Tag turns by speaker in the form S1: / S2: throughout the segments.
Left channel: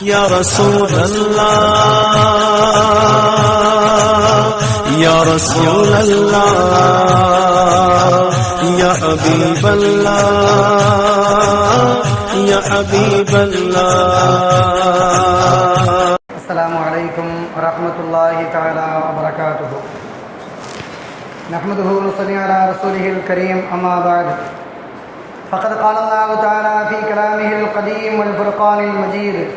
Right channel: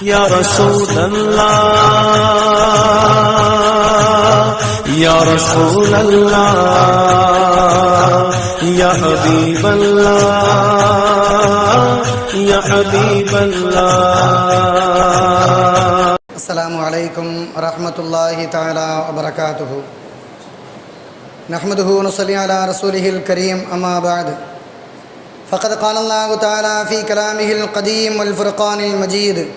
S1: یا رسول اللہ، یا رسول اللہ، یا حبیب اللہ، یا حبیب اللہ۔
S2: السلام علیکم ورحمۃ اللہ تعالی وبرکاتہ۔ نحمده ونصلي على رسوله الكريم أما بعد۔ فقد قال الله تعالى في كلامه القديم والفرقان المجيد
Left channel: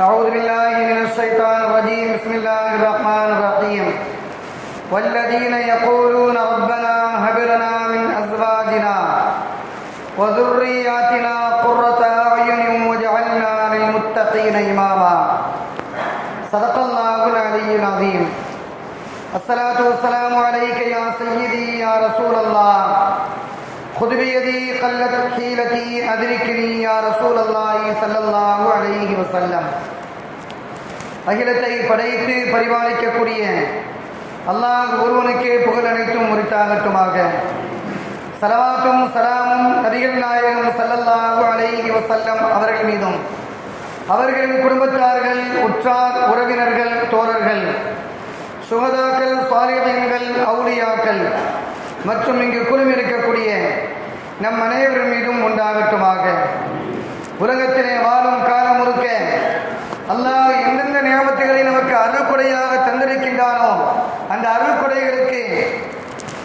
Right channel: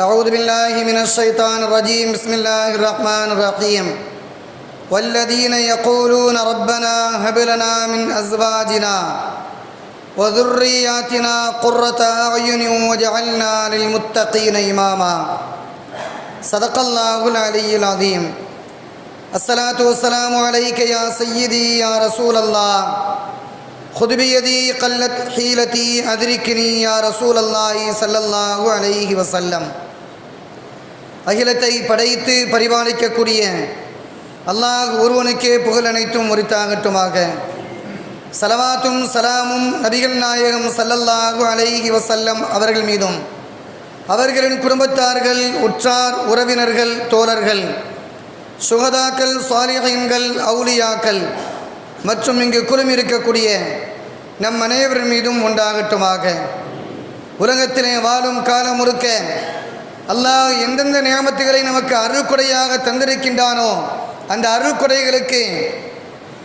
S2: أعوذ بالله من الشيطان الرجيم بسم الله الرحمن الرحيم. والذين يقولون ربنا هب لنا من أزواجنا وذرياتنا قرة أعين واجعلنا للمتقين إماما. صدق الله العلي العظيم. الصلاة والسلام عليك يا سيدي يا رسول الله. خذ بيدي قلت حيلتي أدركني يا رسول الله صلى الله عليه وسلم அகிலத்தை படைத்து பரிபாலிக்கக்கூடிய அல்லாஹ் ஒருவனுக்கே புகழ் அனைத்தும் உரித்தாகட்டுமாக சலவாத்தும் சலாமும் நபிகள் நாயகம் சல்லல்லாஹு அலைஹி வசல்லம் அவர்கள் மீதும் அவர்களின் குடும்பத்தார்கள் உற்றார் உறவினர்கள் தோழர்கள் சுகதாக்கள் சாலிகங்கள் அவுலியாக்கள் மற்றும் இங்கு குழுமிருக்கக்கூடிய நம் அனைவர் மீதும் உண்டாகட்டுமாக. உலகத்திலே வாழும் காலம் முறுக்க அல்லாஹ் எந்தெந்த நியமத்துகளை நமக்கு அருள்கொடையாக தந்திருக்கின்றானோ அந்த அருள்கொடைகளுக்கு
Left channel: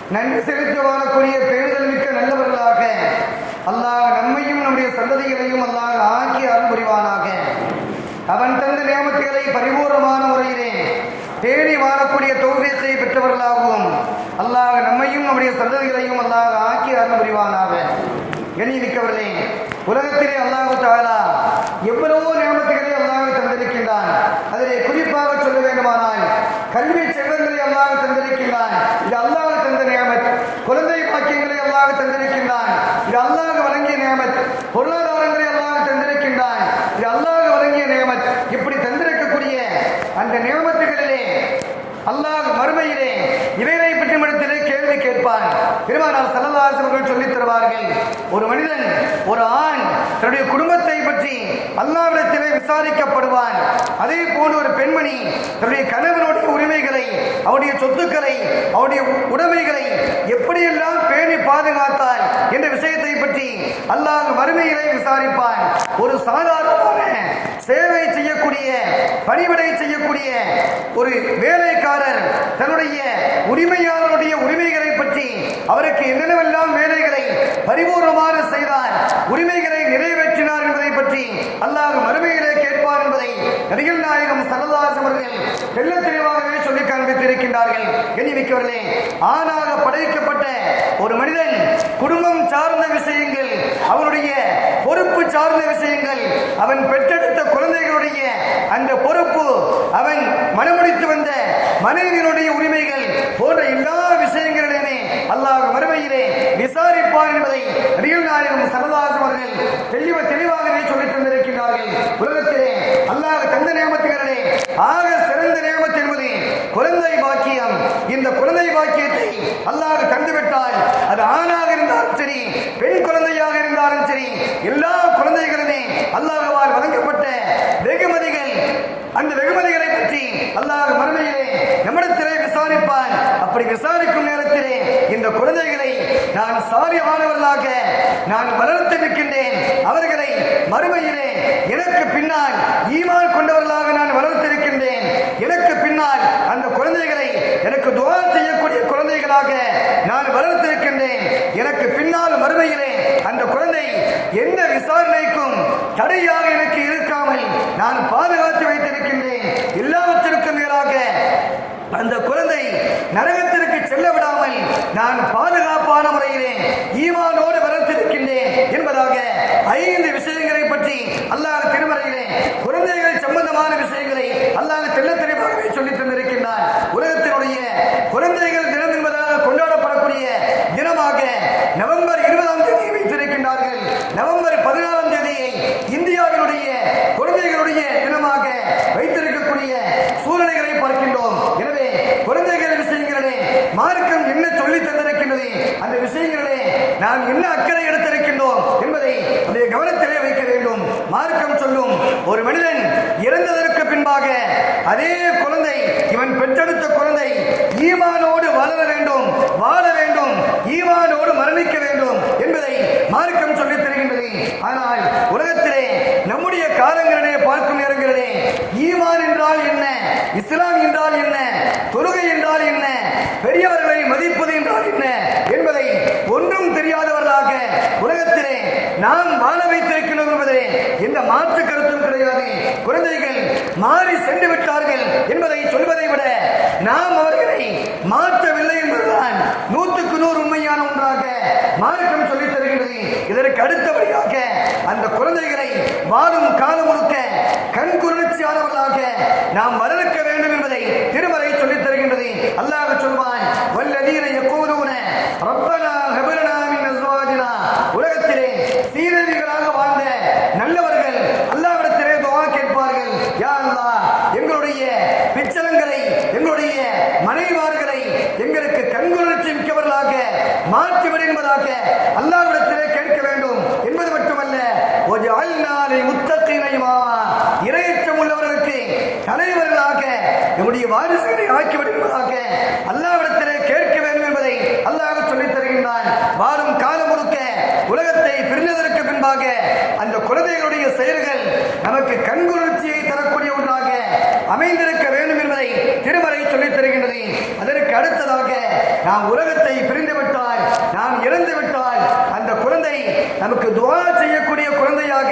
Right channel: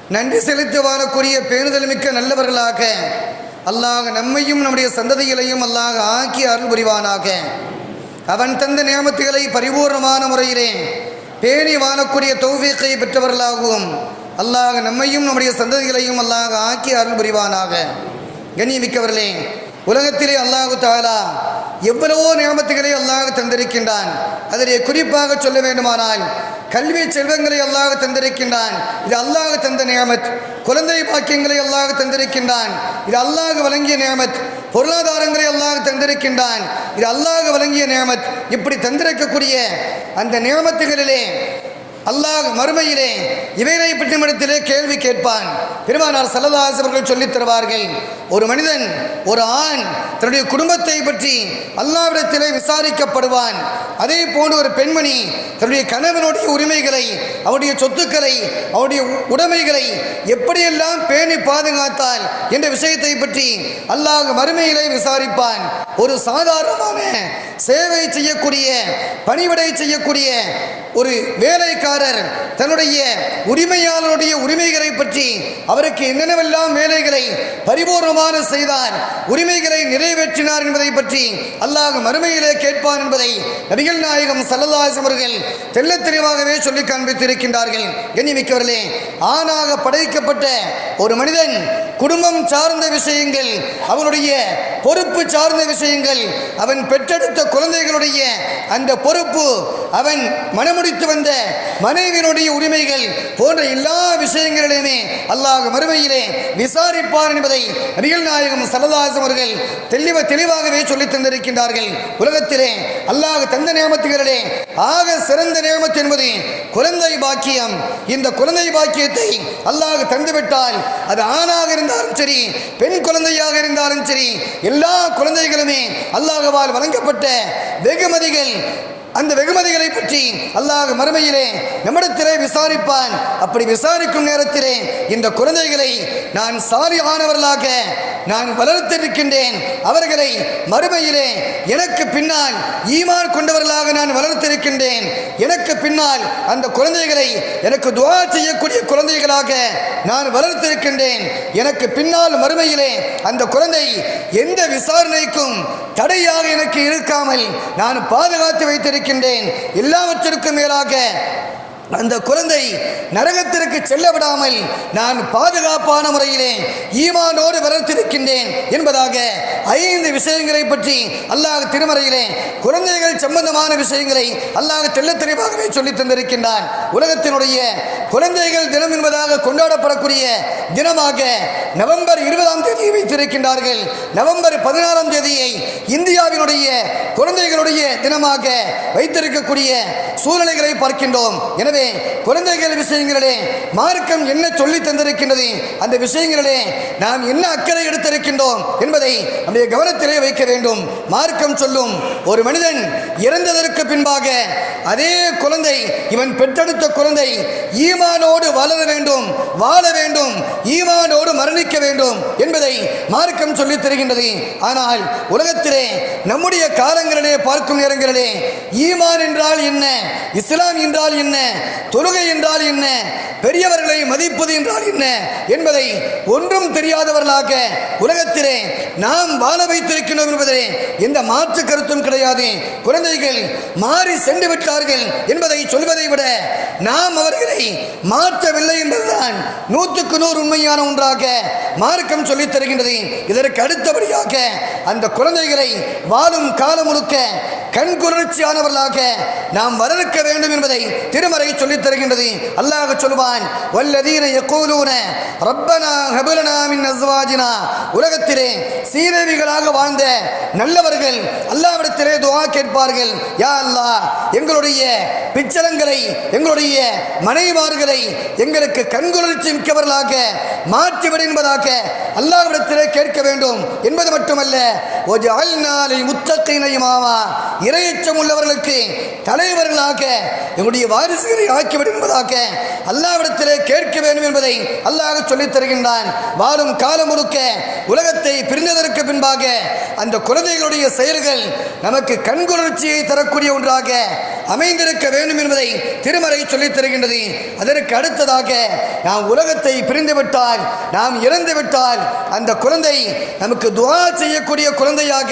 S2: நன்றி செலுத்தி வாழக்கூடிய பேணுதல் மிக்க நல்லவர்களாக அல்லாஹ் நம்மையும் நம்முடைய சந்ததிகளையும் அல்லாஹ் ஆக்கி அருள் புரிவானாக அவன் தந்த நியமத்துகளை பரிபூர்ணமான முறையிலே பேணி வாழக்கூடிய தௌஃபீக்கை பெற்றவர்களாகவும் அல்லாஹ் நம்மையும் நம்முடைய சந்ததிகளையும் அல்லாஹ் ஆக்கி அருள் புரிவானாக. கண்ணியமிக்கவர்களே உலகத்திலே அல்லாஹு தாலா எவ்வளவோ நியமத்துகளை அல்லாஹ் தந்திருக்கின்றான். அதிலே குறிப்பாக சொல்ல வேண்டுமானால் கல்வி செல்வங்களை அல்லாஹ் தந்திருக்கின்றான். இது அல்லாஹ் தந்த நியமத். குழந்தை பாக்கியங்களை அல்லாஹ் தந்திருக்கின்றான். இது அல்லாஹ் வழங்கிய நியமத். பொருளாதாரங்களை அல்லாஹ் தந்திருக்கின்றான். இது அல்லாஹ் வழங்கிய நியமத். இப்படி தந்திருக்கக்கூடிய அந்த நியமத்துகளிலே அல்லாஹ் மறுமையிலே இவைகளை பற்றிமிடத்திலே கேள்வி கேட்பான். பெருமானார் சல்லதாஸ் அவர்கள் சொல்லித் தருவார்கள் ஒரு மனிதன் ஒரு ஆண் தன்னுடைய குடும்பத்தை பற்றி அல்லாவிடத்திலே விசாரிக்கப்படுவான். அதே போன்று ஒரு பெண்மணி தன்னுடைய கணவனுடைய உரிமைகளை அவருடைய சொத்துக்களை அவருடைய உடைமைகளை எப்படியெல்லாம் பேணி பாதுகாத்தாள் என்ற விஷயத்தை பற்றி அல்லாஹ் மறுமையிலே விசாரிப்பான். ஒரு சாதாரணமான சேவை செய்யக்கூடிய பணிவிடை செய்யக்கூடிய ஒரு வேலைக்காரர் தன்னுடைய உரிமையாளருடைய உரிமைகளை பற்றி அவருக்கு என்னென்னவெல்லாம் வேலைகளை பரிபூர்ணமான செய்தார் உரிமைகளை நிறைவேற்றினார் என்பதை பற்றி அல்லாஹ் மறுமையிலே கேட்பார் என்பதை நபிகள் நாயகம் சல்லல்லாஸ் அவர்கள் தெல்ல தெளிவாகவே சொல்லி காண்பித்திருக்கின்றார்கள். எண்ணிமிக்கவர்களே ஆணாக படைக்கப்பட்ட ஒரு மனிதன் குடும்பம் சார்ந்த விஷயங்கள் அவனுடைய பொறுப்பு சார்ந்த விஷயங்கள் அவன் பெற்றெடுத்த குழந்தைகளுடைய அந்த பொறுப்பு அவன் மனமுடித்து வந்த மனைவியினுடைய உரிமைகள் போன்ற எல்லா விஷயங்களிலுமே அல்லாஹ் மறுமையிலே விசாரிப்பார் என்பதை ரியல் நாயகம் சரதாஸ் அவர்கள் தெளிவ தெளிவாகவே சொல்லித் தந்திருக்கின்றார்கள். உலகத்திலே அல்லாஹ் தந்த நியமத்துகளிலே ஆக சிறந்த நியமத்து என்பது குழந்தை பாக்கியம். இந்த குழந்தை பாக்கியத்தை அல்லாஹ் தந்துவிட்டால் அது ஆணாக இருந்தாலும் சரி பெண் குழந்தையாக இருந்தாலும் சரி எல்லா குழந்தைகளுமே அல்லாஹ்வால் வழங்கப்பட்ட வெகுமதிகள் அந்த வெகுமதிகளை பற்றி அல்லாஹ் மறுமையிலே நம்மிடத்திலே விசாரிப்பான். அப்படி விசாரிக்கும் நேரத்திலே இந்த குழந்தைகளை நான் சாரியமானவர்களாக நான் வளர்த்திருக்கின்றேன் அவர்களை மறுமையிலே எனக்கு பின்னால் ஈமான் கொண்டவர்களாக நான் வளர்த்திருக்கின்றேன் எனக்கு பின்னால் அந்த குழந்தைகளை எனக்கு துவா செய்யக்கூடிய குழந்தைகளாக நான் வளர்த்திருக்கின்றேன் எனக்கு பின்னால் மறுமையிலே அந்த குழந்தை எந்த விசாரணைக்கும் தடையாக எனக்கு இருக்காமல் நான் பாதுகாத்து வைத்திருக்கின்றேன் எல்லாவற்றிற்கும் மேலாக அந்த குழந்தை நரகத்திற்கு செல்ல விடாமல் நான் பாதுகாப்பான முறையிலே ஈமானோடு வளர்த்திருக்கின்றேன் என்பதாக ஐந்து விஷயங்களை பற்றி அல்லாஹ் திருமறையிலே குழந்தைகள் சம்பந்தமான விஷயங்களை அல்லாஹ் தெள்ளத் தெளிவாகவே சொல்லி தந்திருக்கின்றான். உலகத்தினுடைய குழந்தைகள் தினம் என்பதாக கொண்டாடப்படக்கூடிய தினமாக நவம்பர் இருபதாம் தேதி வைத்திருக்கின்றார்கள். நவம்பர் பதினாறாம் தேதியை இந்தியாவினுடைய குழந்தைகளுடைய தினமாக வைத்திருக்கக்கூடிய சூழ்நிலைகளை பார்க்கின்றோம். எனவே குழந்தைகள் விஷயங்களிலே மார்க்கம் என்ன சொல்லி தந்திருக்கின்றது அந்த விஷயங்களிலே நாம் என்ன அக்கறை எடுத்திருக்கின்றோம் என்பதை நம்முடைய கவனத்திலே வைக்க வேண்டும். மார்க்கம் சொல்லும் ஒரு மனிதன் இறந்ததற்கு பின்பாக அதே குழந்தை இவன் பெற்றெடுத்த குழந்தை ஈமானோடு வளர வேண்டும் வாழ வேண்டும் ஈமானோடு மரணிக்க வேண்டும் என்பதை மார்க்கம் சொல்லி தருகின்றது. ஆனால் உலகத்திலே நம்முடைய காலங்களிலே பார்க்கும் நேரங்களிலே ஈமான் என்றால் என்ன இஸ்லாம் என்றால் என்ன தொழுகை என்றால் என்ன பெரியவர்களை மதிப்பது என்றால் என்ன என்பதை ஒன்றும் தெரியாதவர்களாக உலகத்திலே நாம் வாழ வைத்திருக்கிறோம் என்பதிலே எந்த மாற்று கருத்தும் கிடையாது. குழந்தைகள் மாறி சென்று விட்டார்கள் என்பதை சொல்வதை விட நாம் அவர்களை மாற்றவில்லை என்பதுதான் நூற்றுக்கு நூறு உண்மையான ஒன்றாக மார்க்கம் சொல்லித் தருகின்றது. இதற்கு அடுத்தபடியாக அந்த குழந்தைகளை வாழும் காலம் முழுக்க கண்குளிர்ச்சியானவர்களாக நாம் வளர்க்க வேண்டும் என்பதை திருமறை சொல்லித் தருகின்றது. அல்லாஹ் சொல்வான் வல்லதீன எக்கோலூன ரப்பனா ஹபலனா மின் அஸ்வாஜினா. உலகத்திலே சீதேவிகளாக வாழ்ந்த நல்லவர்கள் அல்லாஹ் துஆ கேட்பார்கள். யா அல்லா எங்களுடைய பிச்சரங்களை எங்களுடைய மனைவார்களை எங்களுக்கு கண்குளிர்ச்சி மிக்கவர்களாக மாற்றிவிடு என்பதாக அல்லாவிடத்திலே கேட்க வேண்டும். என்பது மட்டுமல்ல ஒஜஅல்நாலில் முத்தகீன இமாமா. இறையச்சம் உள்ளவர்களுக்கு தலைவர்களாக எங்களுடைய வாரிசுகளை ஆக்கிவிடு என்பதாக அல்லாவிடத்திலே கேட்க வேண்டும் என்பதை அல்லாஹ் சொல்லித் தருகின்றான். வாழும் காலம் முழுக்க உலகத்தை பிரிந்ததற்கு பின்பாக அந்த குழந்தைகளுடைய செயல்கள் நமக்கு கண்குணர்ச்சியை தரக்கூடிய ஒன்றாக அமைந்திருக்க வேண்டும் என்பதை திருமறை சொல்லித் தருகின்றது. அதற்கு அடுத்ததாக நாம் உலகத்தை பிரிந்து விட்டால் நாம் இறந்து விட்டால் அந்த குழந்தை நமக்கு துவா செய்யக்கூடிய குழந்தையாக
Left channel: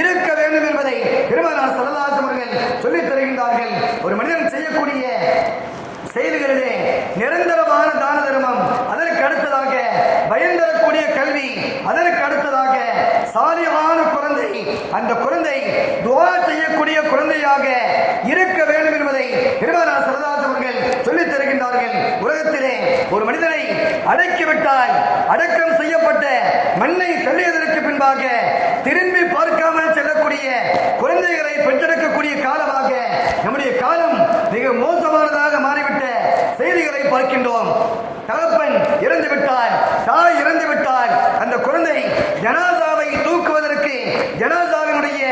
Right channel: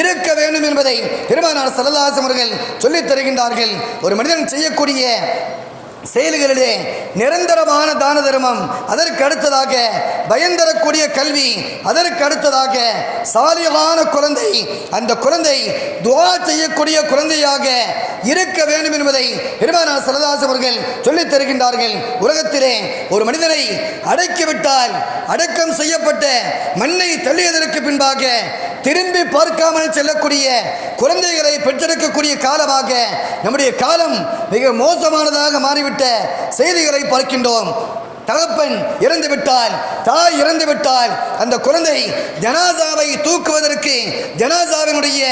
S2: இருக்க வேண்டும் என்பதை பெருமானார் சரதாசம் அவர்கள் சொல்லித் தருகின்றார்கள். ஒரு மனிதன் செய்யக்கூடிய செயல்களிலே நிரந்தரமான தான தர்மம் அதற்கு அடுத்ததாக பயந்தரக்கூடிய கல்வி அதற்கு அடுத்ததாக சாலியமான குழந்தை. அந்த குழந்தை துவா செய்யக்கூடிய குழந்தையாக இருக்க வேண்டும் என்பதை பெருமானார் சரதாஸ் அவர்கள் சொல்லித் தருகின்றார்கள். உலகத்திலே ஒரு மனிதனை அடக்கிவிட்டால் அடக்கம் செய்யப்பட்ட மண்ணை தள்ளியதற்கு பின்பாக திரும்பி பார்க்காமல் செல்லக்கூடிய குழந்தைகளை பெற்றெடுக்கக்கூடிய காலமாக நம்முடைய காலம் மிக மோசமானதாக மாறிவிட்ட செய்திகளை பார்க்கின்றோம். தகப்பன் இறந்து விட்டால் தாய் இறந்து விட்டால் அந்த குழந்தை ஜனாசாவை தூக்குவதற்கு ஜனாசாவினுடைய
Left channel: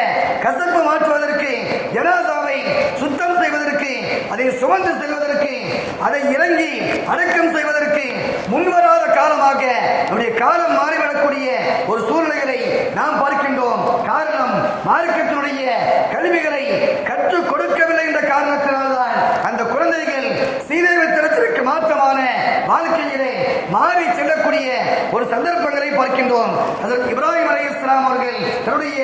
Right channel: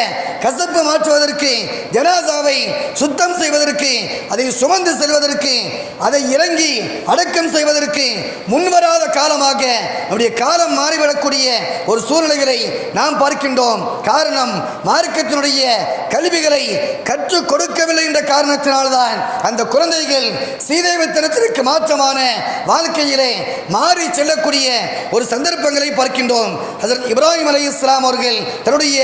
S2: கசப்பு மாற்றுவதற்கு ஜனாசாவை சுத்தம் செய்வதற்கு அதை சுமந்து செல்வதற்கு அதை இறங்கி அடக்கம் செய்வதற்கு முன்வரா காலமாக நம்முடைய காலம் மாறிவிடக்கூடிய ஒரு சூழ்நிலைகளை நாம் பார்க்கின்றோம். காரணம் மார்க்கத்தினுடைய கல்விகளை கற்றுக் கொடுக்கவில்லை என்ற காரணத்தினால்தான் அந்த குழந்தைகள் சீதைவத்தனத்திற்கு மாற்றமான வாழ்க்கையிலே மாறி செல்லக்கூடிய ஒரு சந்தர்ப்பங்களை பார்க்கின்றோம். அதற்கு இப்ராஹிம் அலி இஸ்லாம் அவர்கள் தன்னுடைய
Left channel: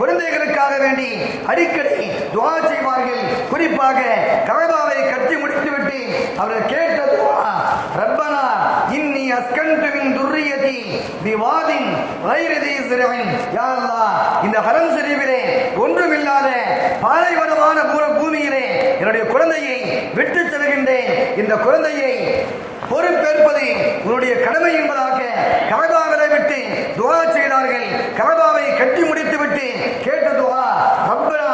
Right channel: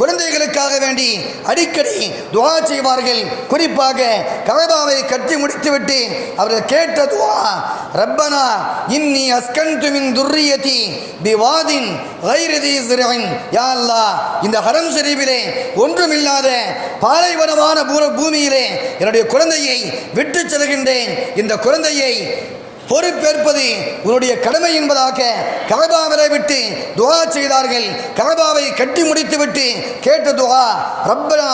S2: குழந்தைகளுக்காக வேண்டி அடிக்கடி துவா செய்வார்கள். குறிப்பாக கவதாவை கட்டி முடித்துவிட்டு அவர்கள் கேட்ட துவா ரப்பனா இன்னி அஸ்கன்து மின் துர்ரியதி பிவாதின் வைரதி சிறுவன். யா அல்லா இந்த ஹரம் ஷரீஃபிலே ஒன்றுமில்லாத பாலைவனமான பூ- பூமியிலே என்னுடைய குழந்தையை விட்டு செல்கின்றேன். இந்த குழந்தையை பொறுப்பேற்பது உன்னுடைய கடமை என்பதாக கலபாவிலை விட்டு துவா செய்தார்கள். கலபாவை கட்டி முடித்துவிட்டு கேட்ட துவா ரப்பனா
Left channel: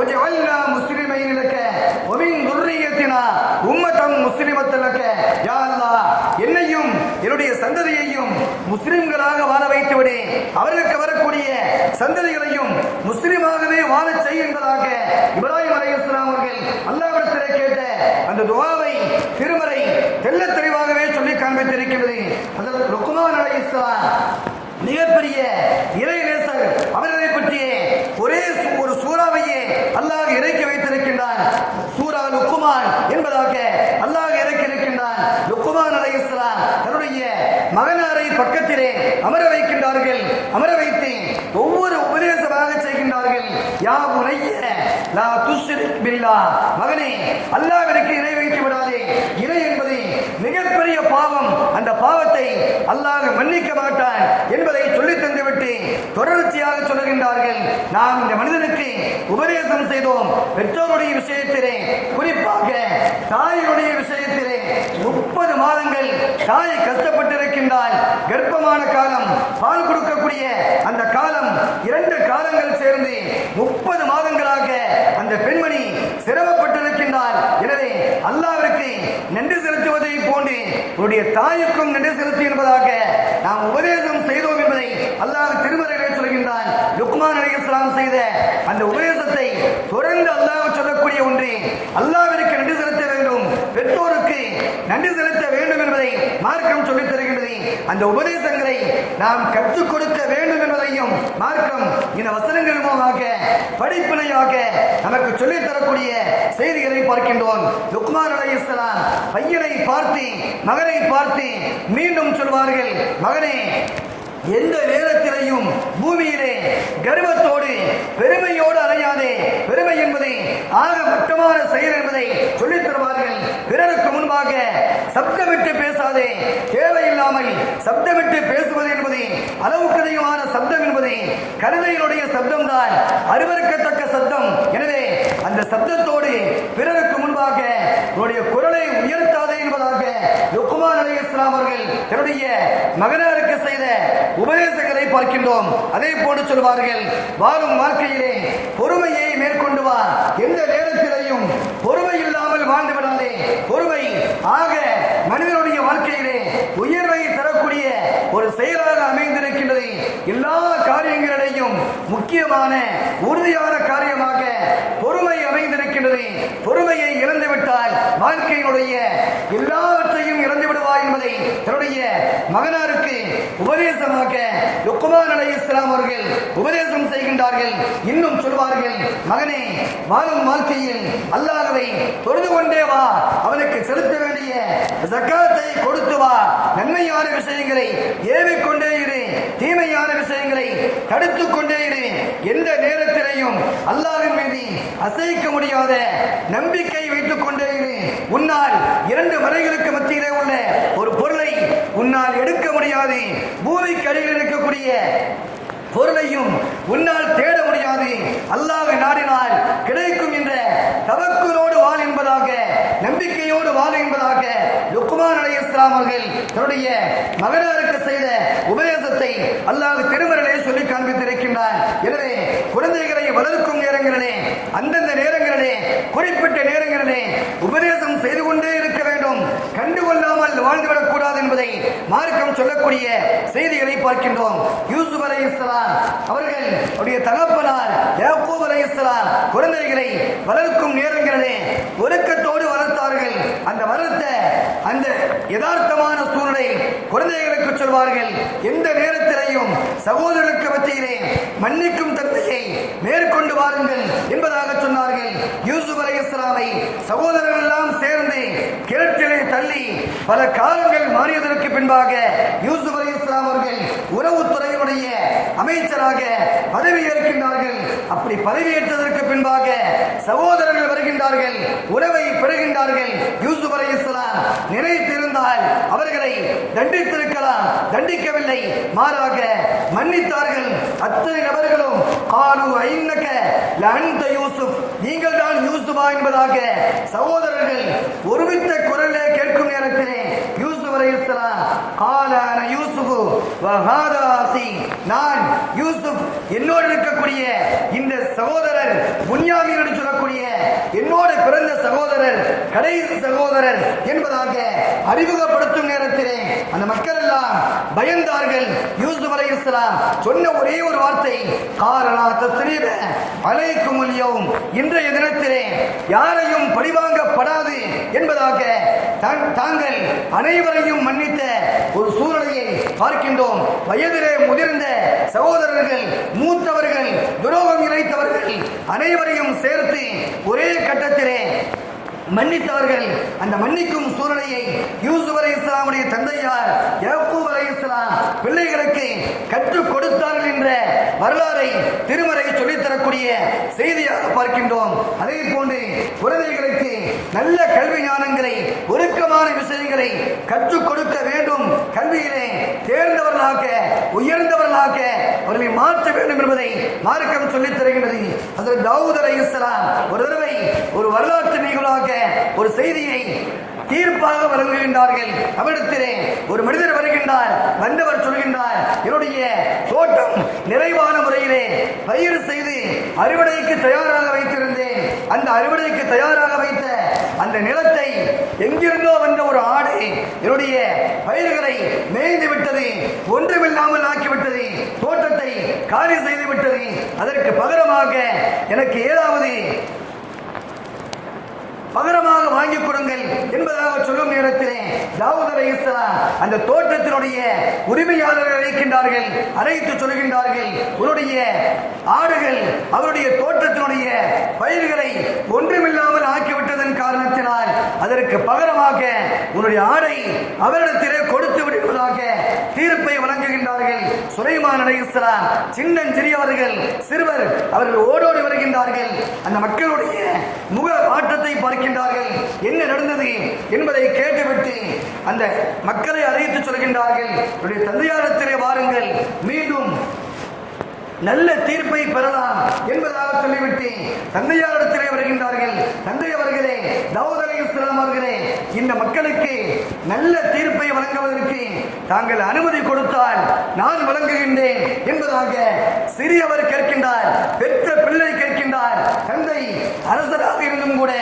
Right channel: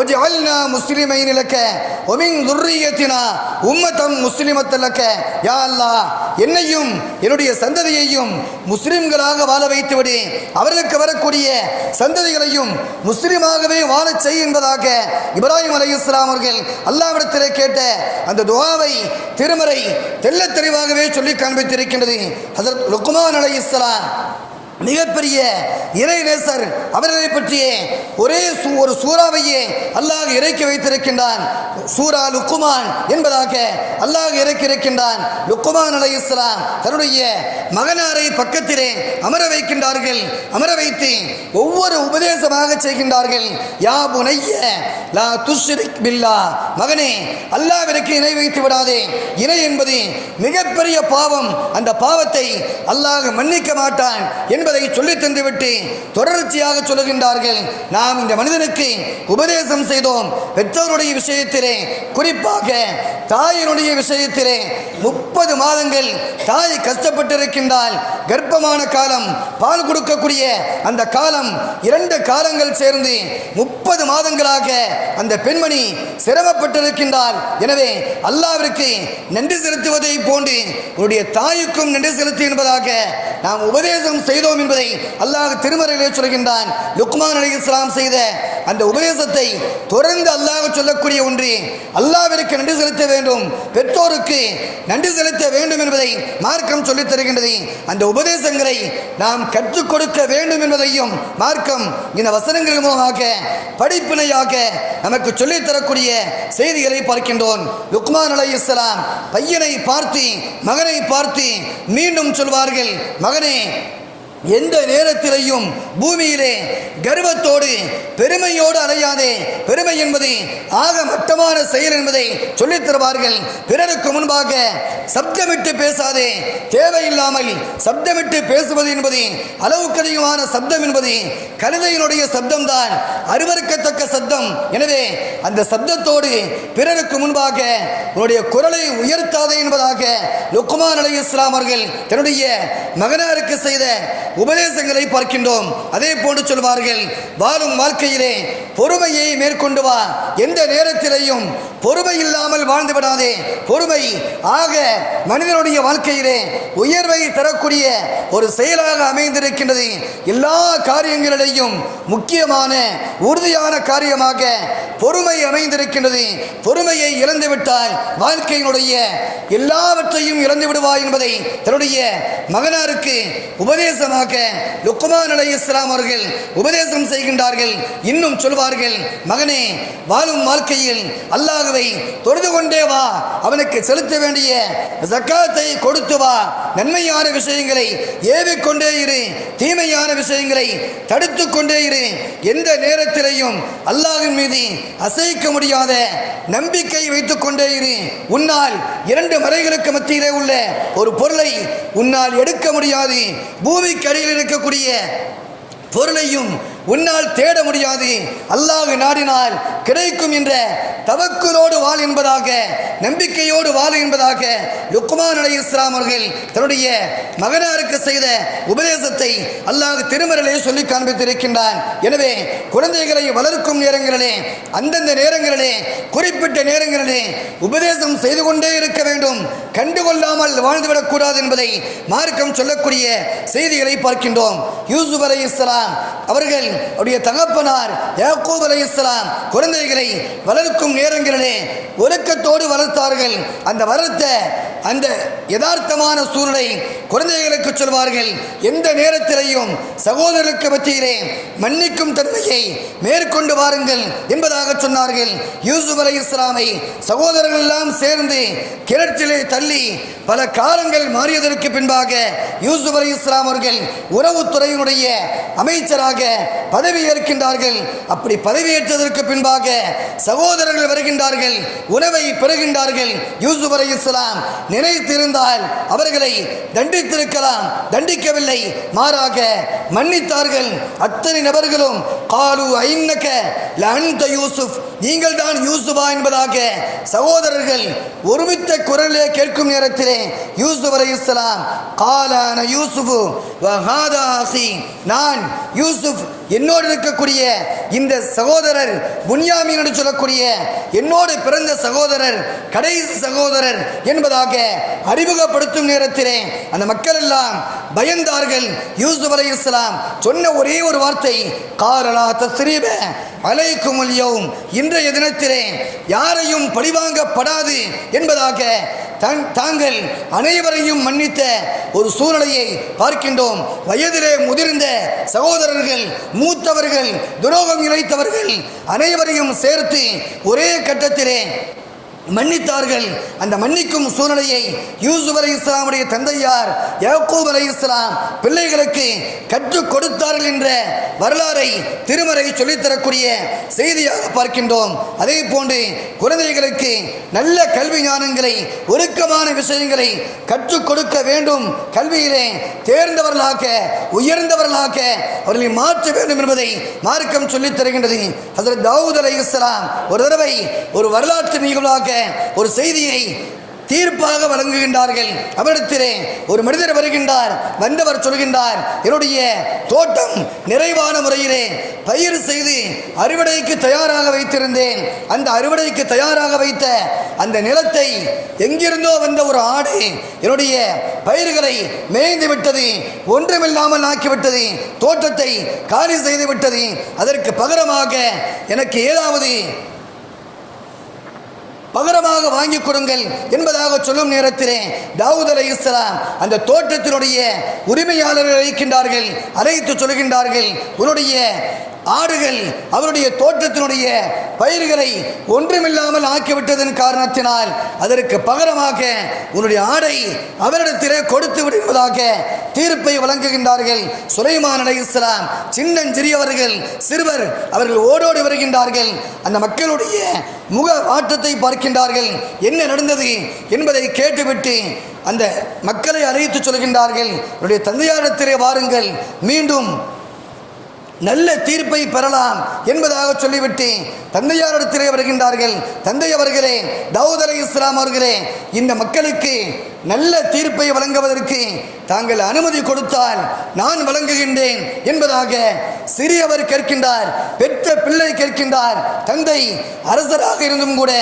S2: ஒஜஅல்னா முஸ்லிமை நிலக்க ஒமின் துர்ரியத்தினா உம்மத்தம் முஸ்லிமத்தல் யா அல்லாஹ் என்னையும் என்னுடைய சந்ததியையும் முஸ்லிம்களாக வாழ வைத்துவிடு அவர்களுக்கு வரக்கூடிய சந்ததிகளையும் முஸ்லிமாகவே வாழச் செய் என்பதாக இப்ராஹிம் அலைஹிஸ்ஸலாம் அவர்கள் அல்லாவிடத்திலே கேட்ட அந்த துவாவை திருமறை தெல்ல தெள்ளத் தெளிவாகவே சொல்லி காண்பித்திருக்கின்றது. அதற்கு லுக்குமான் அலை இஸ்லாம் மிகப்பெரிய இறைநேசர் அவர்களை பற்றிய ஒரே சூ- ஒரு சூறாவையே அல்லாஹ் இறக்கி வைத்திருக்கின்றான். சூரா லுக்குமான் என்பதாக அல்லாஹ் இறக்கி இருக்கின்றான். லுக்குமான் அலை இஸ்லாம் தன்னுடைய மகனாரை பக்கத்திலே அமர வைக்கின்றார்கள். அமர வைத்து ஒவ்வொரு உபதேசமாக செய்கின்றார்கள். யா புனைய லா துஷ்ரிக் பில்லா. மகனே அல்லாஹ்விற்கு இணை வைத்து விடாதே. இணை என்பது மிகப்பெரிய பாவம். அந்த பாவத்தை அல்லாஹ் மன்னிக்க மாட்டான் என்பது சொல்லித் தந்துவிட்டு தொடர்ச்சியாக சொல்கின்றார்கள். நாம் இந்த மனிதனுக்கு உபதேசம் செய்தோம். பெற்றோருடைய விஷயத்திலே குறிப்பாக தாயினுடைய விஷயத்திலே முப்பது மாதங்கள் தாய் கஷ்டப்பட்டிருக்கின்றால் கர்ப்பமான காலம் பால் கொடுக்கக்கூடிய அந்த காலம் இரண்டு காலங்கள் சேர்ந்து முப்பது மாதங்களாக அந்த பெண்மணி சிரமப்பட்டிருக்கின்றால் எனவே அல்லாவிற்கு நன்றி செலுத்துவதை போன்று உன்னுடைய தாய்க்கும் நன்றி செலுத்து என்பதாக நாம் உபதேசம் செய்தோம் என்பதை அல்லாஹ் திருமறையிலே சொல்கின்றான். லுக்மான் அலி இஸ்லாம் செய்த அந்த உபதேசத்தை தொடர்ந்து அல்லாஹ் சொல்லக்கூடிய ஒன்று அல்லாவிற்கு நன்றி செலுத்த வேண்டும் பெற்றோருக்கு நன்றி செலுத்த வேண்டும் என்பதை மார்க்கம் சொல்லித் தருகின்றது. அந்த உபதேசங்களை நாம் கற்றுக் கொடுக்க வேண்டும் என்பதையும் மார்க்கம் இந்த வசனங்கள் மூலமாக படிப்பினையாக நமக்கு சொல்லித் தரக்கூடிய செய்திகளை பார்க்கின்றோம். லுக்மான் அலை இஸ்லாம் பையனை பார்த்து மகனை பார்த்து மீண்டும் சொல்வார்கள் மகனே எந்த நேரத்திலேயும் பூமியிலே கர்வத்தோடு பெருமையோடு அலையாதே. பெருமை என்பது ஆக மட்டமான செயல் என்பதை சொல்லித் தருவார்கள். பிறருக்கு முன்பாக சப்தமிட்டு பேசாதே. தேவையில்லாமல் சப்தமிட்டு பேசுவது என்பது அளவுக்கு அதிகமான சப்தம் என்பது கழுதையினுடைய சப்தம்தான். அருவருக்கத்தக்க சப்தம். எனவே அந்த சப்தத்தோடு பிறருக்கு முன்பாக உன்னுடைய குரலை உயர்த்தாதே என்பதாக லுக்குமார் அலி இஸ்லாம் அவர்கள் தன்னுடைய மகனாருக்கு செய்த உபதேசங்களை பார்க்கின்றோம். அதே போன்று சொல்வார்கள் வாழும் வாழ்க்கையிலே பொறுமையை மேற்கொண்டு வா. எந்த நேரத்திலேயும் பொறுமை இல்லாமல் வாழ்ந்து விடாதே. பொறுமை ஆக மனிதனுடைய வாழ்க்கையிலே உயர்வை தரக்கூடிய ஒரு செயலாக அமைந்திருக்கின்றது. எல்லா காரியங்களிலேயும் முக்கியமான உறுதியான காரியமாக பொறுமை அமைந்திருக்கின்றது. பொறுமையை இழந்துவிட்டால் வாழ்க்கையினுடைய எல்லாவற்றையும் இழந்து விடுவாய் என்பதை தன்னுடைய மகனாருக்கு உபதேசமாக லுக்குமான் அலை இஸ்லாம் அவர்கள் உபதேசம் செய்கின்றார்கள். இன்னும் சொல்வார்கள் மகனே வாழும் வாழ்க்கையில் அல்லாஹுவை தொழுது கொண்டே வா. அவனுக்கு செலுத்த வேண்டிய சக்காத்தை கொடுத்து வா. நன்மையான விஷயங்களை ஏவிக்கொண்டே இரு. தீமையான விஷயங்களை தடுத்து கொண்டே இரு. எந்த நேரத்திலையும் அல்லாஹின் மீது அசைக்க முடியாத நம்பிக்கை வைத்துக் கொண்டே இரு. உன்னால் இரண்டு மலைகளுக்கு மத்தியிலே உள்ள ஒரு பொருளை உன்னால் எடுக்க முடியாது. பூமிக்கு அடியில் இருக்கக்கூடிய பொருளையும் உன்னால் தேட முடியாது. அல்லாஹ் நாடினால் கிடைக்கும் என்ற தவக்குலோடு வாழ் என்பதாக நம்பிக்கையோடு வாழ் என்பதாக லுக்மான் அலி இஸ்லாம் அவர்கள் தன்னுடைய மகனாருக்கு செய்த உபதேசத்தை அல்லாஹ் திருமறையிலே சொல்லி காண்பித்திருக்கின்றான். எனவே குழந்தைகளை வளர்க்கும் நேரங்களிலே அந்தந்த நேரங்களிலே குறிப்பிட்ட நேரங்களிலே உபதேசம் செய்து கொண்டே இருக்க வேண்டும். கண்டுகொள்ளாமல் வாழ்ந்துவிடக்கூடாது என்பதை மார்க்கம் சொல்லக்கூடிய செய்திகளை பார்க்கின்றோம். யூசுப் அலை இஸ்லாம் அவர்கள் அவருடைய தகப்பனார் யாக்கூப் அலை இஸ்லாம் குழந்தைகளை வளர்க்கும் நேரங்களிலே ஒழுக்கத்தோடு வளர்த்தார்கள். அந்த வளர்த்த அந்த யதார்த்தமான சூழலை குழந்தைகளுக்கு சொல்வார்கள் எந்த நேரத்திலையும் சகோதரர்களுக்கு பற்றியிலே மன்னிக்கும் தன்மையை மேற்கொண்டு வாருங்கள் என்பதாக சொன்னார்கள். யூசுப் அலை இஸ்லாமை சகோதரர்கள் எல்லாம் சேர்ந்து கிணற்றிலே தள்ளி பல காலங்கள் மாறியதற்கு பின்பாக யூசுப் அலி இஸ்லாம் அவர்கள் உறவுத்துறையினுடைய அமைச்சராக பதவி ஏற்கின்றார்கள். அப்படி பதவியேற்றதற்கு பின்பாக சகோதரர்கள் வருகின்றார்கள் உறவை பெறுகின்றார்கள். யூசுப் அலி இஸ்லாம் நினைத்திருந்தால் அவர்களை தண்டித்திருக்கலாம் தண்டிக்கவில்லை. மாறாக மன்னித்தார்கள். அத்தனை நபர்களும் காலு ஐநக்க லஅன்த யூசுப் நீங்கள் தான் யூசுபா என்பதாக சகோதரர்கள் ஒருமித்த குரலே கேட்கும் நேரத்திலே யூசுப் அலைஹிஸ்ஸலாம் காலான யூசுஃபு வஹாதாசி நான் யூசுப் என்னோடு இருக்கக்கூடிய இந்த சகோதரர் புன்யாமீன் என்று சொல்லக்கூடிய என்னோடு பிறந்த சகோதரர் கடைசி சகோதரர் என்பதாக அறிமுகப்படுத்தும் நேரத்திலே அந்த மக்கள் எல்லாம் பயந்தார்கள். யூசுப் அலைஹிஸ்ஸலாம் சொன்ன ஒரே ஒரு வார்த்தை காரணா தஸ்ரீப அலைக்கும் யௌம். இன்றைய தினத்திலே யாரையும் பழிவாங்கப்படாது என்பதாக தான்- தாங்கள் அனைவரையும் மன்னித்த ஒரு சூழ்நிலையை பார்க்கின்றோம். வயதிலே முதிர்ந்த சகோதரர்கள் மூத்தவர்கள் துரோகம் இழைத்தவர்கள் அனைவரையும் சேர்த்து ஒரே கட்டத்திலே மன்னித்தார்கள். அந்த மன்னிக்கும் சூழ்நிலையை யூசுப் அலி இஸ்லாமுடைய தந்தையார் யாக்கூப் அலி இஸ்லாம் பிள்ளைகளுக்கு கற்றுக் கொடுத்தார்கள் என்ற வரலாறை திருமறை சொல்லித்தரக்கூடிய செய்தியாக பார்க்கின்றோம். அதே போன்று குழந்தைகளுக்கு நல்ல கல்வி ஞானங்களை ஒழுக்கமான விஷயங்களை கற்றுக் கொடுக்க வேண்டும். கல்வியிலே தேர்ந்தவர்களாக உயர்ந்தவர்களாக அவர்களை மாற்ற வேண்டும் என்பதை மார்க்கம் சொல்லித் தருகின்றது. அதற்கு தாவூத் அலி இஸ்லாம் ஒரு தடவை ஒரு வரலாற்று நிகழ்வாக ஒரு செய்தியை தீர்ப்பாக வழங்குகின்றார்கள். அவரிடத்திலே ஒரு மனிதர் வருகின்றார் வந்தவர் சொல்கின்றார் என்னுடைய தோட்டம் நிறைவான முறையிலே பயிர் செய்து அறுவடைக்கு தயாராக வைத்திருந்தேன். அந்த அறுவடைக்கு தயாராக வைத்த அந்த நிலத்தை எங்கிருந்தோ வந்த ஒரு ஆடு என்னுடைய பயிர்களை மேய்ந்து விட்டது ஒன்றுமில்லாமல் ஆக்கிவிட்டது தோட்டத்தை காலி செய்து விட்டது. அதற்கு பகரமாக எனக்கு ஏதாவது வாங்கி கொடுங்கள் என்பதாக சொல்லும் நேரத்திலே தாவூத் அலை இஸ்லாம் அந்த தோட்டத்தினுடைய உரிமையாளர்கள் அழைக்கின்றார்கள். அழைத்து சொல்கின்றார்கள். உன்னுடைய ஆடுகள் அவருடைய தோட்டத்தினுடைய பயிர்களை ஒன்றுமில்லாமல் ஆக்கிவிட்டதன் காரணத்தினால் அதற்கு பகரமாக உன்னுடைய ஆடை அவரிடத்திலே கொடுத்து விடுவதாக தீர்ப்பை வழங்குகின்றார்கள். சுலைமான் அலை இஸ்லாம் சின்னஞ்சிறியவர்கள் சிறுவர் அவர்கள் ஓடோடி வருகின்றார்கள். அந்த மக்களுடைய முக மாற்றத்தை பார்க்கின்றார்கள். என்ன நடந்தது என்பதை கேட்டுவிட்டு அந்த மக்களை அறிவித்து சொல்கின்றார்கள். என்னுடைய தந்தையாரத்திலே வாருங்கள். மீண்டும் நல்ல தீர்ப்பை பெறலாம் என்பதாக சொல்லிவிட்டு தந்தையாரிடத்திலே வருகின்றார்கள். தந்தை அவர்களே தாவூத் அலை இஸ்லாம் அவர்களே இந்த மக்களுக்கு நல்ல தீர்ப்பை வழங்குவதற்கு தாங்கள் அனுமதி கொடுத்தால் நான் வழங்குகின்றேன் என்பதாக சிறியவர் கேட்கின்றார் பெற்ற பிள்ளை கேட்கின்றார். தந்தை அரசராக இருந்தும் கூட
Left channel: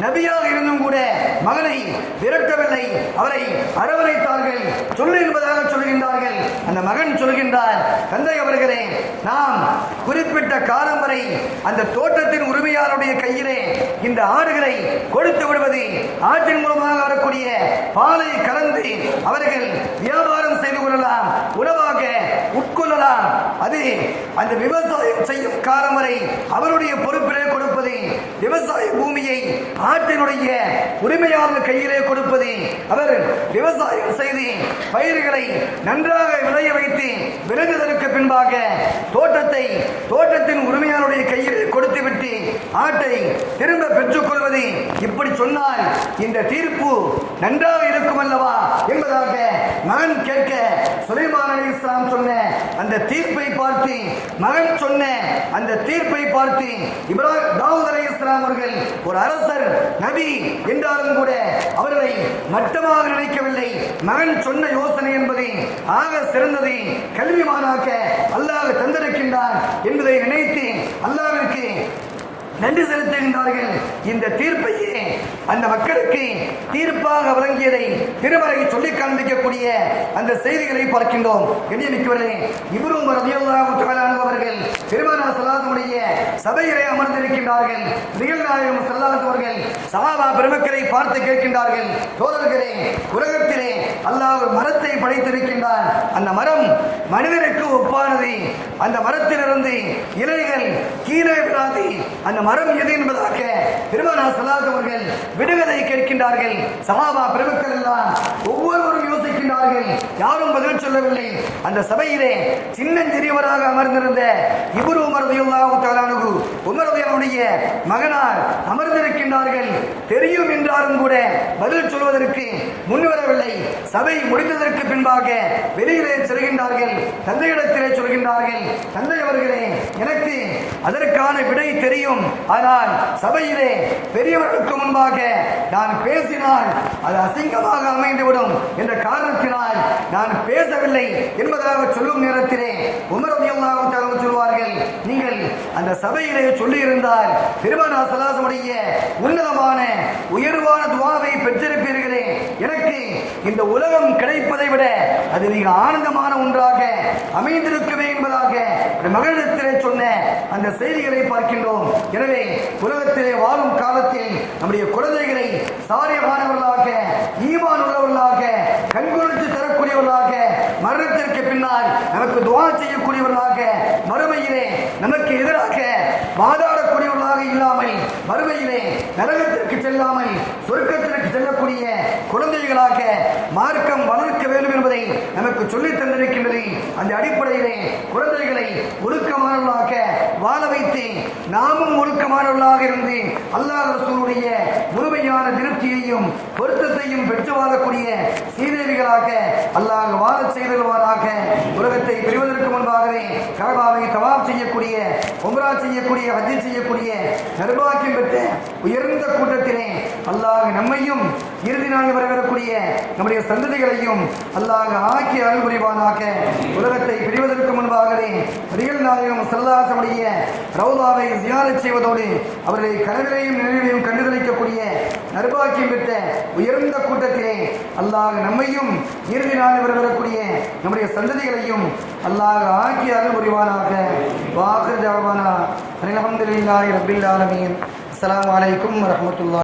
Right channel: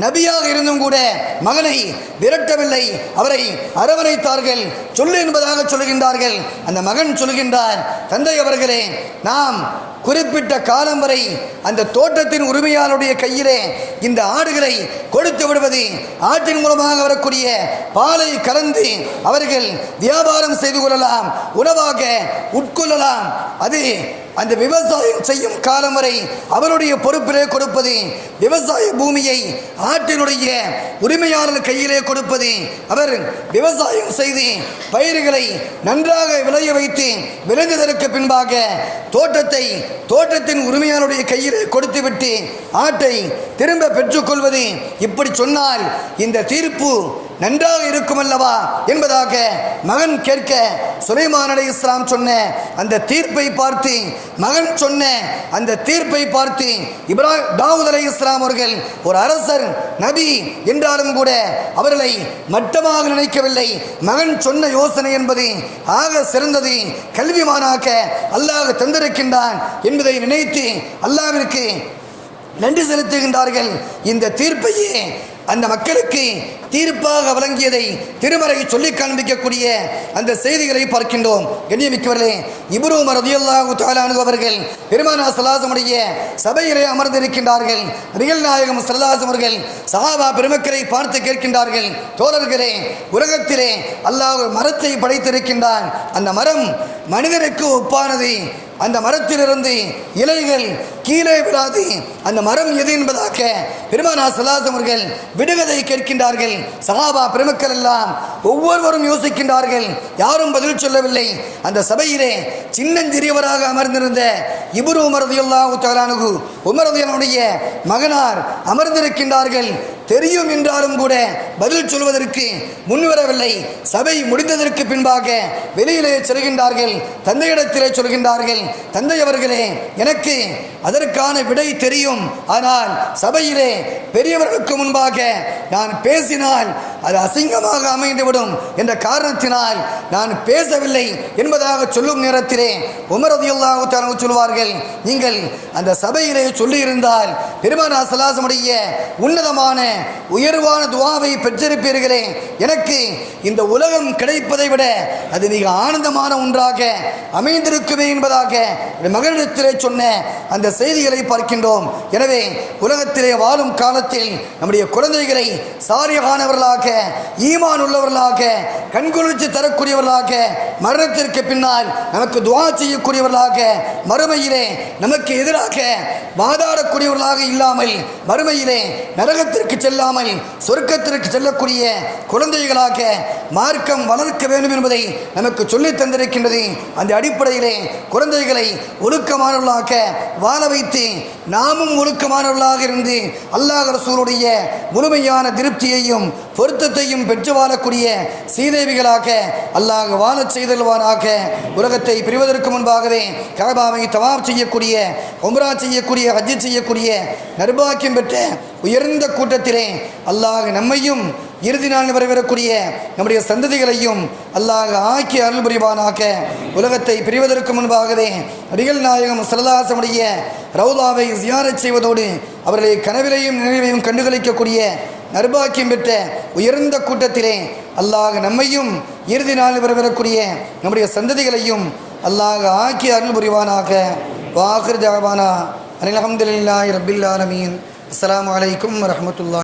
S2: நபியாக இருந்தும் கூட மகனை விரட்டவில்லை. அவரை அரவணைத்தார்கள். சொல்லு என்பதாக சொல்கின்றார்கள். அந்த மகன் சொல்கின்றார் தந்தை அவர்களே நான் நாம் குறிப்பிட்ட காலம் வரை அந்த தோட்டத்தின் உரிமையாளருடைய கையிலே இந்த ஆடுகளை கொடுத்து விடுவது ஆட்டின் மூலமாக வரக்கூடிய பாலை கறந்து அவர்கள் வியாபாரம் செய்து கொள்ளலாம் உணவாக உட்கொள்ளலாம். அது அந்த விவசாயம் செய்யும் காலம் வரை அவருடைய பொறுப்பிலே கொடுப்பது விவசாய பூமியை ஆட்டினுடைய உரிமையாளர் கையிலே கொடுப்பது அவர் விவசாயம் செய்து பயிர்களை நன்றாக விளைய வைத்து விளைந்ததற்கு பின்பாக தோட்டத்தை தோட்டத்தின் உரிமையாளருடைய கையிலே கொடுத்துவிட்டு ஆட்டை திரும்ப பெற்றுக்கொள்வது இப்படி சொன்னால் இந்த தீர்ப்பு நன்றாக இருக்கும் அல்லவா என்பதாக மகன் கேட்க சுலைமான் அலை இஸ்லாம் சொன்ன அந்த தீர்ப்பை பார்த்து மகன் சொன்ன அந்த தீர்ப்பை பார்த்து இப்ராஹிம் தாவூத் அலி இஸ்லாம் அவர்கள் ஒரு அரசர் நபி என்றாலும் கூட அவர்களை மட்டமாக நினைக்கவில்லை. மகன் சொன்ன யோசனை என்பது ஆக சிறந்தது கல்விமானாக்க அல்லாஹ் தந்திருக்கின்றான் என்பதை நினைத்து அல்லாவிற்கு நன்றி செலுத்துகின்றார்கள். இந்த தீர்ப்பையே அந்த மக்களுக்கு தீர்ப்பாக வழங்கியதை திருமறை சொல்லிக் காண்பிக்கக்கூடிய அந்த செய்திகளை பார்க்கின்றோம். எண்ணியமிக்கவர்களே இப்ரூம் ரதியுல்லாஹு தாலானு அவர்கள் பெருமானா சல்லாசமுடைய சபையிலே அமர்ந்திருக்கின்றார்கள். நிகழ் நாயகம் சல்லாஸ் அவர்கள் சஹாபா பெருமக்களை பார்த்து கேட்கின்றார்கள். தோழர்களே உலகத்திலே அல்லாஹ் மரத்தை படைத்திருக்கின்றான். அந்த மரம் மனிதனுக்கு ஒப்பானது. அந்த மரத்திலிருந்து இலைகள் கீழே விடாது அந்த மரம் எது என்பதாக பெருமானா சலாஸ் அவர்கள் விடுகதை கேட்கின்றார்கள். சகாபா பெருமக்கள் எல்லாம் ஒவ்வொருவரும் யோசிக்கின்றார்கள். யாரும் பதில் சொல்லவில்லை. அந்த சபையிலே சின்னஞ்சிறியவராக அமர்ந்திருந்த இபுரு உமரதியுல்லாஹு தாலானுகு உமரதியனுடைய மகனார் அமர்ந்திருக்கின்றார்கள். தெரியும் என்றாலும் கூட பதில் சொல்வதற்கு முன்வரவில்லை சபை முடிந்ததற்கு பின்பாக வெளியிலே செல்கின்றார்கள் தந்தையிடத்திலே சொல்கின்றார்கள் தந்தை அவர்களே எனக்கு அதற்கான விடை தெரியும். ஆனால் சபையிலே பெரியவர்களுக்கு முன்பாக நான் பேசினால் அது அசிங்கமாக அமைந்துவிடும் என்ற காரணத்தினால் நான் பேசவில்லை என்பதாக சொல்லும் நேரத்திலே உமரதியுல்லாஹு தஆலா சொல்வார்கள் நீங்கள் அந்த சபையிலே சொல்லியிருந்தால் பெருமானா சலாசமுடைய உன்னதமான உயர்வான துவாவை பெற்றிருப்பீர்களே. எனக்கு இந்த உலகம் கிடைப்பதை விட அது மிக ஆனந்தமான ஒன்றாக அமைந்திருக்குமே என்பதாக மகனிடத்திலே சொன்ன அந்த செய்திகளை பார்க்கின்றோம். எனவே உலகத்திலே வாழும் காலத்தில் நம்முடைய குழந்தைகளை சாரியமானவர்களாக ஈமான் உள்ளவர்களாக கண்குளிர்ச்சி தரக்கூடியவர்களாக மரணத்திற்கு பின்னால் நமக்கு துவா செய்யக்கூடியவர்களாக மறுமையிலே நமக்கு எதிராக வாதாடக்கூடியவர்களாக இல்லாமல் மறுமையிலே நரகத்திற்கு செல்லாமல் சொர்க்கத்திற்கு செல்லக்கூடிய குழந்தைகளாக மார்க்கம் வளர்க்க வேண்டும் என்பதை நமக்கு சொல்லித் தந்திருக்கின்றது. அந்த அடிப்படையிலே குழந்தைகளை ஒழுக்கமானவர்களாக வாழ வைத்து நாமும் ஒழுக்கமானவர்களாக இருந்து அல்லாஹ் ரசூருடைய முழுமையான திருப்தியையும் பொருத்தத்தையும் பெற்று வாழக்கூடிய சீதேவிகளாக அல்லாஹ் வாழச் செய்தல்வானாக உலகத்தை பிரிவதற்கு முன்பாகவே கபாவை தவாப் செய்யக்கூடிய உம்ரா செய்யக்கூடிய ஹஜ்ஜி செய்யக்கூடிய நிர்பாக்கியம் பெற்ற உயர்ந்த கூட்டத்திலே அல்லாஹ் நம்மையும் இறுதி நாள் வரவிடக்கூடிய நம்முடைய சந்ததிகளையும் அல்லாஹ் ஆக்கி அருள் புரிவானாக. உலகத்தை பிரிவதற்கு முன்பாகவே நபிகள் நாயகம் சரதாசமுடைய ரவுதாவை ஜியாரச் செய்வதோடு அவர்களை கனவிலையும் நினைவையும் கண்டுகளிக்கக்கூடிய நர்பாக்கியம் பெற்ற உயர்ந்த கூட்டத்திலே அல்லாஹ் நம்மையும் இறுதி நாள் வரவிடக்கூடிய நம்முடைய சந்ததிகளையும் அல்லாஹ் ஆக்கி அருள் புரிவானாக. வாஹிர் ஜாவானா அனிலஹம்துல்லாஹி அஹமதுல்லாஹி ரபில் ஆலமீன். அஸ்ஸலாமு அலைக்கும்